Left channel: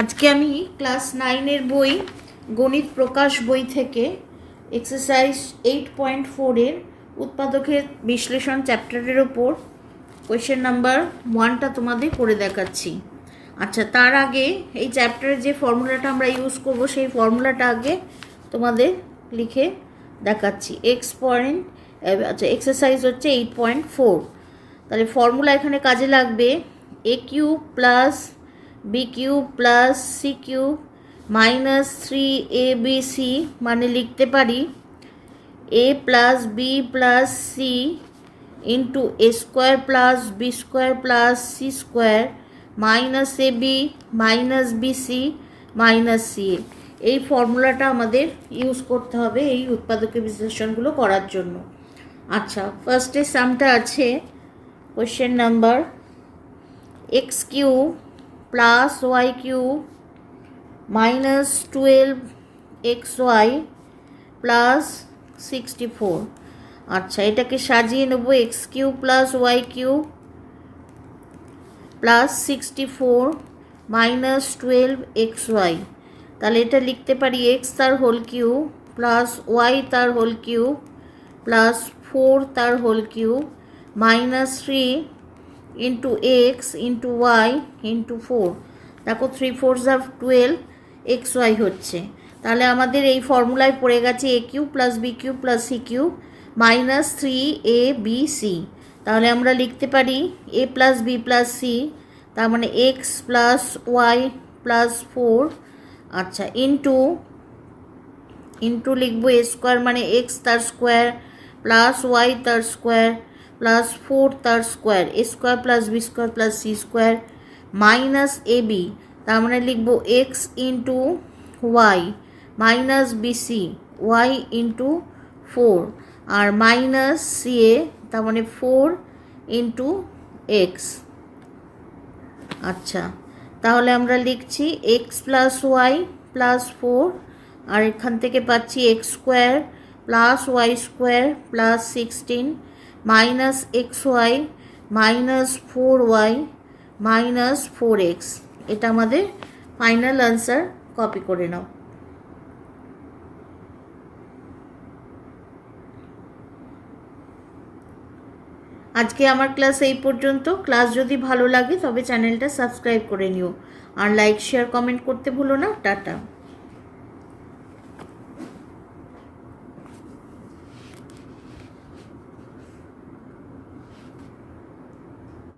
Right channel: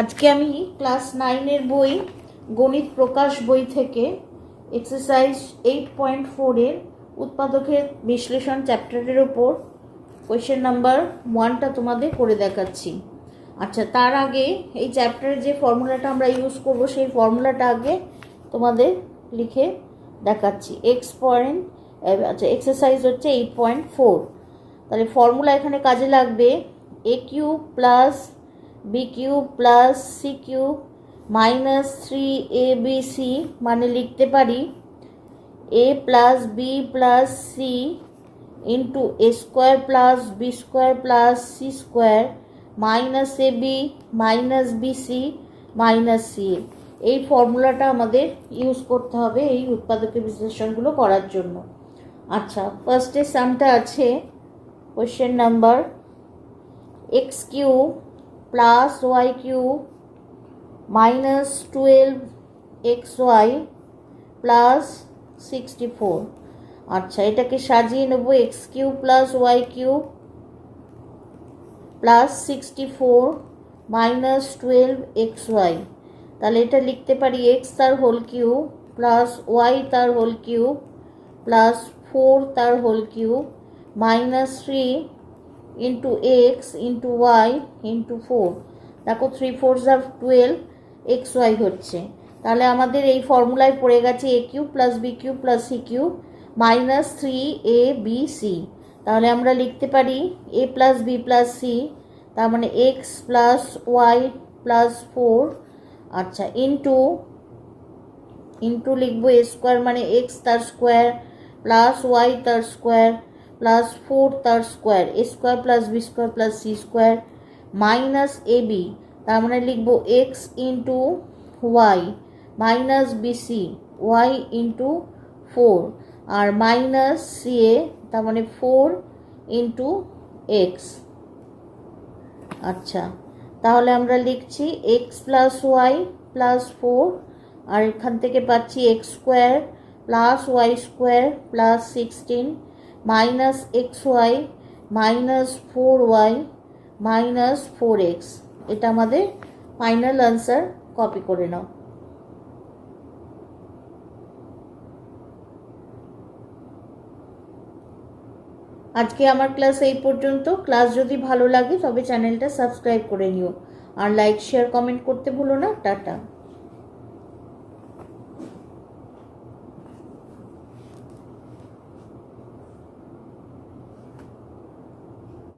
আজকে আমি ক্লাস 9 বই গণিত প্রকাশ বই থেকে এক্সারসাইজ 8.4 এর উৎপাদকের বিশ্লেষণ চ্যাপ্টারের উপর কোয়েশ্চেন নাম্বার 1টা তোমাদের করে দেখাচ্ছি। আচ্ছা, তার আগে এই চ্যাপ্টারের যে ফর্মুলাটা আমরা ইউজ করব সেই ফর্মুলাটা আগে তোমাদের লিখে দেখাচ্ছি। আচ্ছা, এক্সারসাইজ হচ্ছে 8.4। তাহলে ফর্মুলা এখানে কাজে লাগবে a cube plus B cube plus C cube minus 3abc, মানে লিখতে পারি a plus B plus C into A square plus B square plus C square minus A B minus BC minus C. এই ফর্মুলাটা আমাদের use করতে হবে এই উৎপাদকের বিশ্লেষণগুলো করার জন্য। আচ্ছা, ফার্স্টে সামটা আছে question number X cube plus Y cube minus 12xy plus 64। আচ্ছা, এটাকে সাজিয়ে নেব X cube plus Y cube plus 64 minus 12xy। তাহলে এটা লিখতে পারি এক্স তার হোল কিউব প্লাস ওয়াই তার হোল কিউব প্লাস 4 তার whole cube minus 3 into X into Y into 4। দেখো 3 4 12xy হচ্ছে। তাহলে আমাদের এই ফর্মুলায় পড়ে গেছে A cube plus B cube plus C cube minus 3abc। তাহলে আমরা লিখতে পারি A plus B plus C, তার মানে এক্স প্লাস ওয়াই প্লাস 4। আচ্ছা, ইন্টু লিখবো এ স্কোয়ার মানে এক্স তার স্কোয়ার প্লাস ওয়াই তার স্কোয়ার প্লাস 4 তার square A square plus B square plus C square minus A B, তার মানে লিখবো X into Y minus BC Y into 4 আর মাইনাস সি এ, তার মানে 4 ইন্টু এক্স। আচ্ছা, তাহলে আমরা লিখছি এক্স প্লাস ওয়াই প্লাস 4 আর এখান থেকে পাচ্ছি X square plus Y square plus 16 minus x Y minus 4y minus 4x। এটা আমাদের ফাইনাল আনসার। কপি করে নাও। আজকে আমার ক্লাস এই পর্যন্ত। ক্লাস যদি ভালো লাগে তবে চ্যানেলটা সাবস্ক্রাইব করে নিও আর লাইক শেয়ার কমেন্ট করতে ভুলো না। টাটা।